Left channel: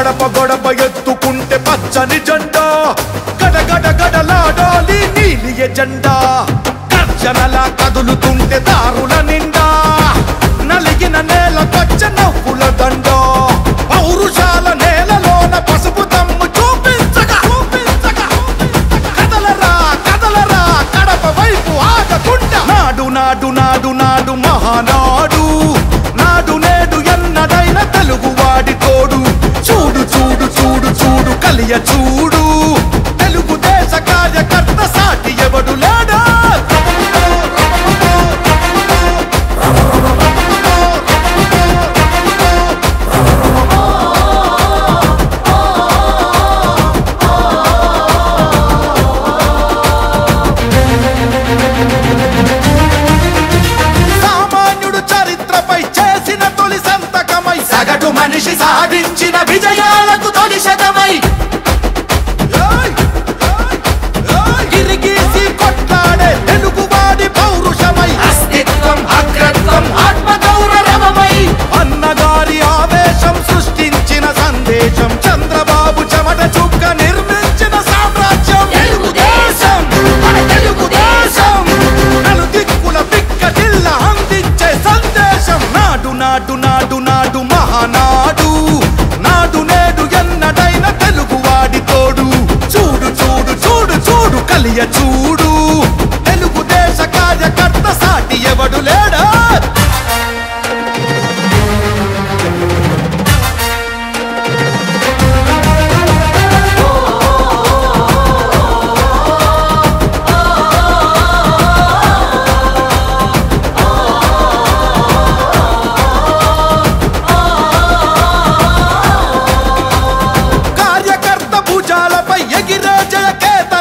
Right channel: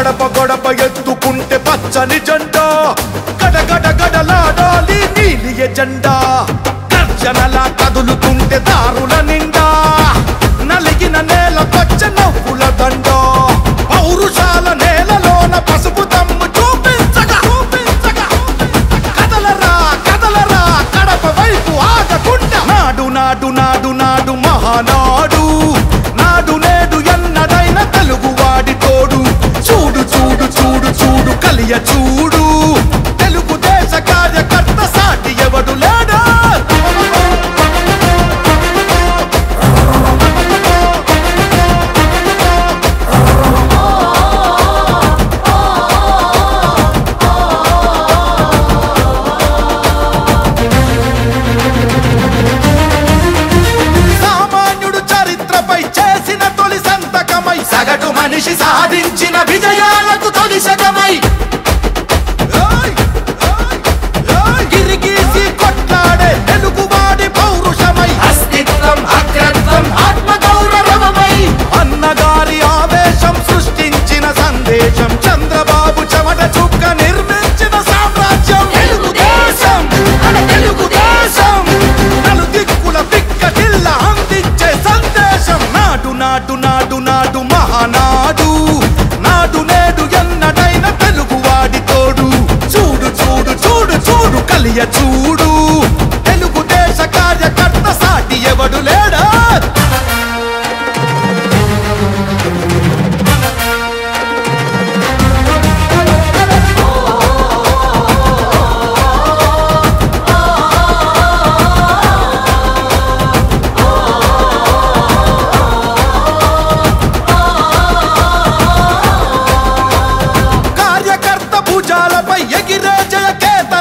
గడప గడప ఎత్తుకుంటే పచ్చని జెండా, గడగడ గడలాడాలి నీలి ఎజెండా. గర్జనలా కదులుతుంటే దారుల నిండా, నలిగిన నేలకొచ్చ నవ్వుల దండ. పౌరుషాల నేలలోన పసుపు దమ్ము చూపించగా కదలరా కదలరా కడప వైపు ఆగకుండా. నాడు నాడు నాడు నాడు మహానాడు, నాడు నేడు ఎన్నడైన తెలుగువాడి తోడు. చూడు చూడు చూడు చూడు కలియ చూడు, తెలుగుదేశ కార్యకర్త సాటి ఎవడు లేడా. చరిత్రపై చేసిన తొలి సంతకమై, సగటు మనిషి సాధించిన విజయాలకు తొలిశకమై, గిరిగీసి కొట్లాడే తెలుగువాడి పౌరుషమై, అస్తిత్వం అగ్రత్వం ఆత్మగౌరవమై, అన్నగారి ఆవేశం సృష్టించిన సందేశం, చంద్రబాబు చెమట చుక్క నిర్మించిన సామ్రాజ్యం. తెలుగుదేశం మన తెలుగుదేశం, నలు దిక్కుల పిక్కటిల్ల అందించే సందేశం. నాడు నాడు నాడు నాడు మహానాడు, నాడు నేడు ఎన్నడైన తెలుగువాడి తోడు. చూడు చూడు చూడు చూడు కలియ చూడు, తెలుగుదేశ కార్యకర్త సాటి ఎవడు లేడా. భుజాలపై ఎగిరే జయకేత